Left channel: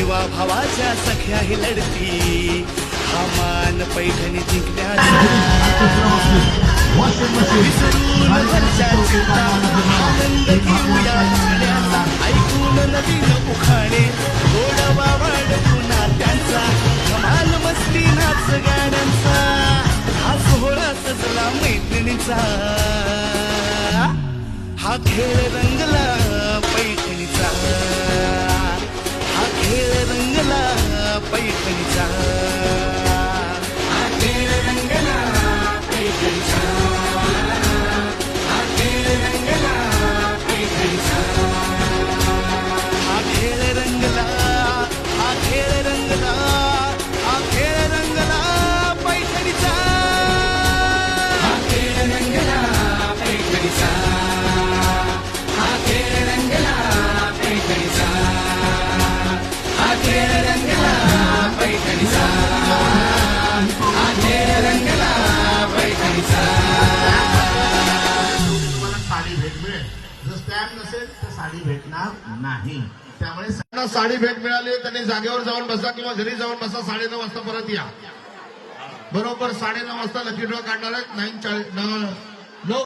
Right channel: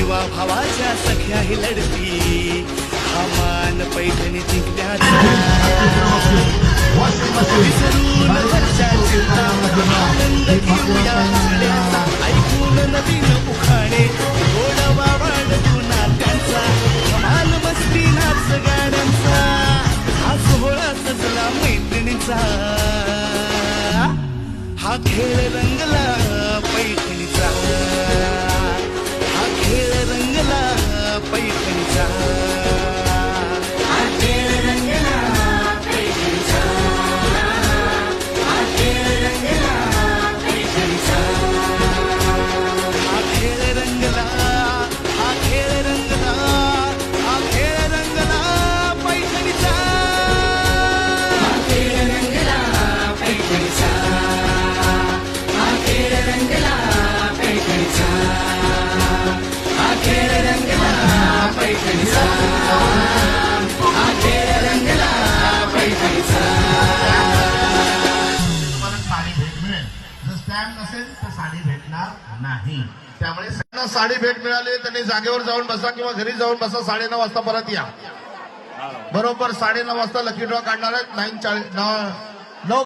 जीवा भावाच्या सख्याही लढती हा मान पैठणी जिंकण्याचा विसरून घरच्या चिंता आनंद घेऊया हसण्याचा ऐकून नवीन उखाणे गोडवा वाढवू नात्यांचा धमाल मस्ती नाच गाण्यांचा हा सोहळा सजला मैत्रिणीचा हा खेळ रंगला पैठणीचा हा खेळ रंगला पैठणीचा हा खेळ रंगला पैठणीचा हा खेळ रंगला पैठणीचा हा खेळ रंगला हा खेळ रंगला हा खेळ रंगला पैठणीचा हा खेळ रंगला पैठणीचा हा खेळ रंगला पैठणीचा हा खेळ रंगला पैठणीचा हा खेळ रंगला पैठणीचा साडी भेट मिळेल. जर स्टँड नसेल तर साडी भेटणार नाही. त्यामुळे त्यांना साडी भेट मिळाली त्यांनी जागेवर जाऊन बसा किंवा घरी जाऊन बसा. 9:30 वाजता परत या. बरोबर 9:30 वाजता लकी ड्रॉ काढणार 9:40 9